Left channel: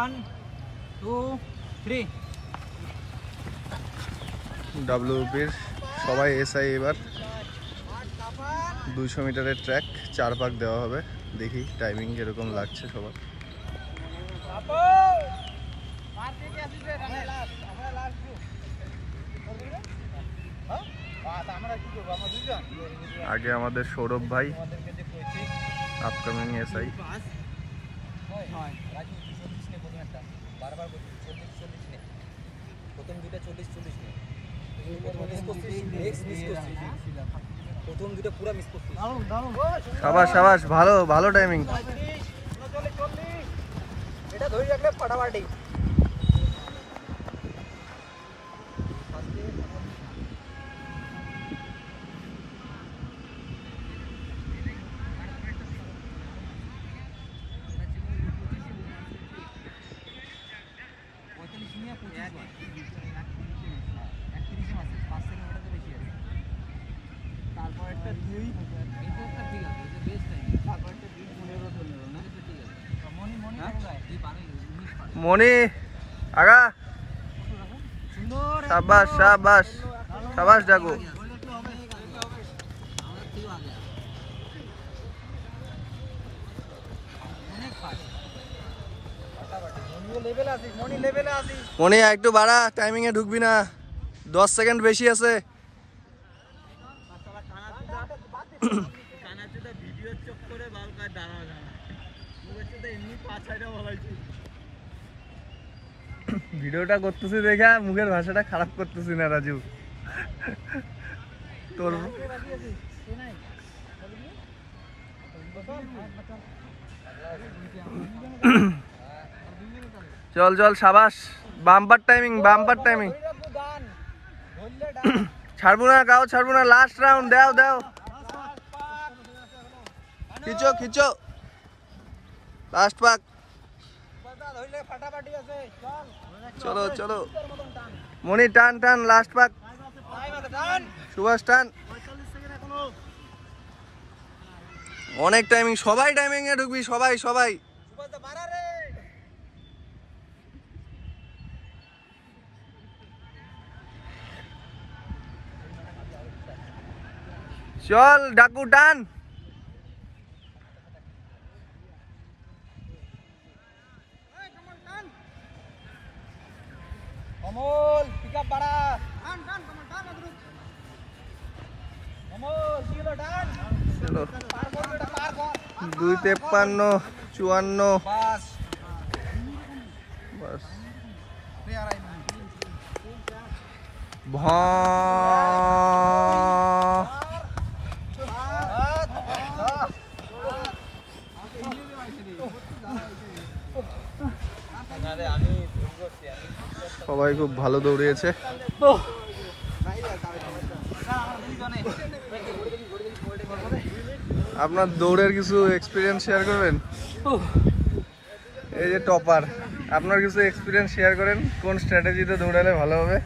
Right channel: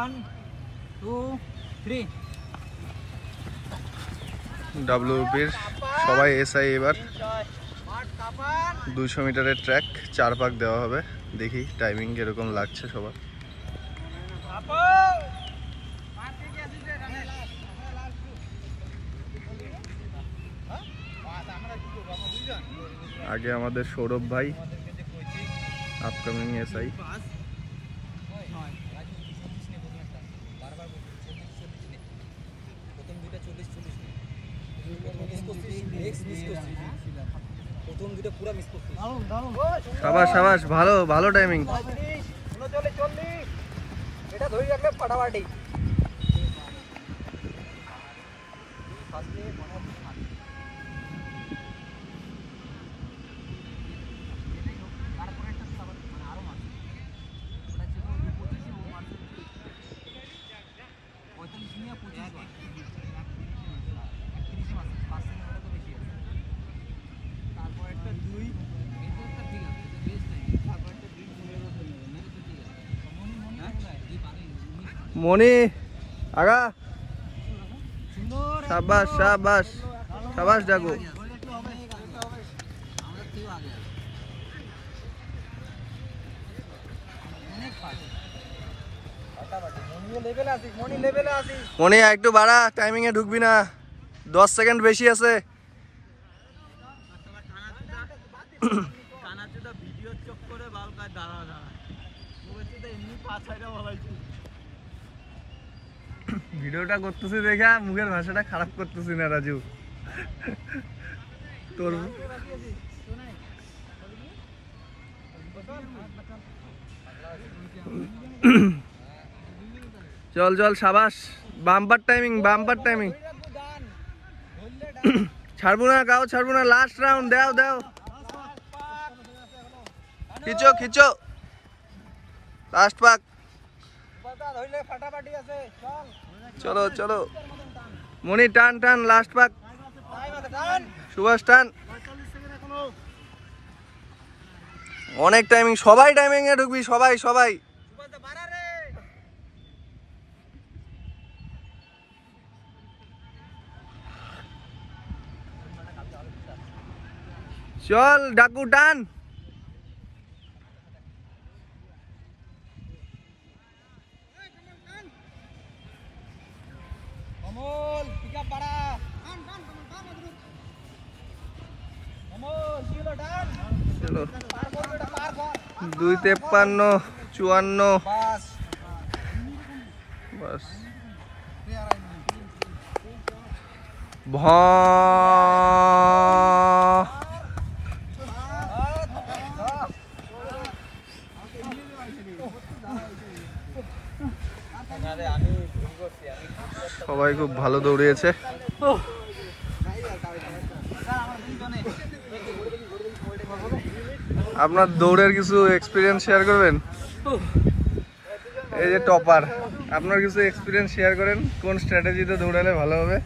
1 2 3 ডাব্লিউপির সবাই এসআই এবার 200 মিটারের ট্র্যাক 4 পাক দেওয়া হবে। দেখি টাইমিং কিরকম লাগছে সবার। আগে আমাদের সৌরভ ভাই আপকামিং এসআই। সাবাস সাবাস, ভালো ভালো টাইমিং। মনি আগা, সাবাস সাবাস সাবাস জাগো। মনি একটু বাড়া, টাইমিং এ ঢুকবি না, 10 সেকেন্ড বেশি আছে। ভিডিওটা করতেছি দেখা মুখের ভাষাটা খারাপ করতেছি না রাজু। তোর চল চল সাবাস, বাম্পার টাইমিং বাম্পার টাইমিং। ছাড়বো না গাও, ছাড়বো না, লাস্ট রাউন্ড দাও দাও, খিচো খিচো, লাস্ট পাক। চলো চলো মনি, টান টান, লাস্ট পাক, সুভাষ টান। অনেক টাইমিং, সবাই টাইমিং এ ঢুকবি, সবাই সবাই। চল ডাকু টান। অমল পিকআপ বাড়া, টান টান কমল টান আদরু অমল দিলো টান। চলো পার কর বেটা, পার কর। 2:53 54 বাস বাস। রে আর আই ভ সবাই খুব ভালো দৌড়িয়েছে। আপনার দৌড়ের কিছু এক্সপিরিয়েন্স শেয়ার করবেন? এই যে টপার, আপনার কিছু এক্সপিরিয়েন্স শেয়ার করেন, কোন স্ট্র্যাটেজিতে দৌড়ালে ভালো হবে?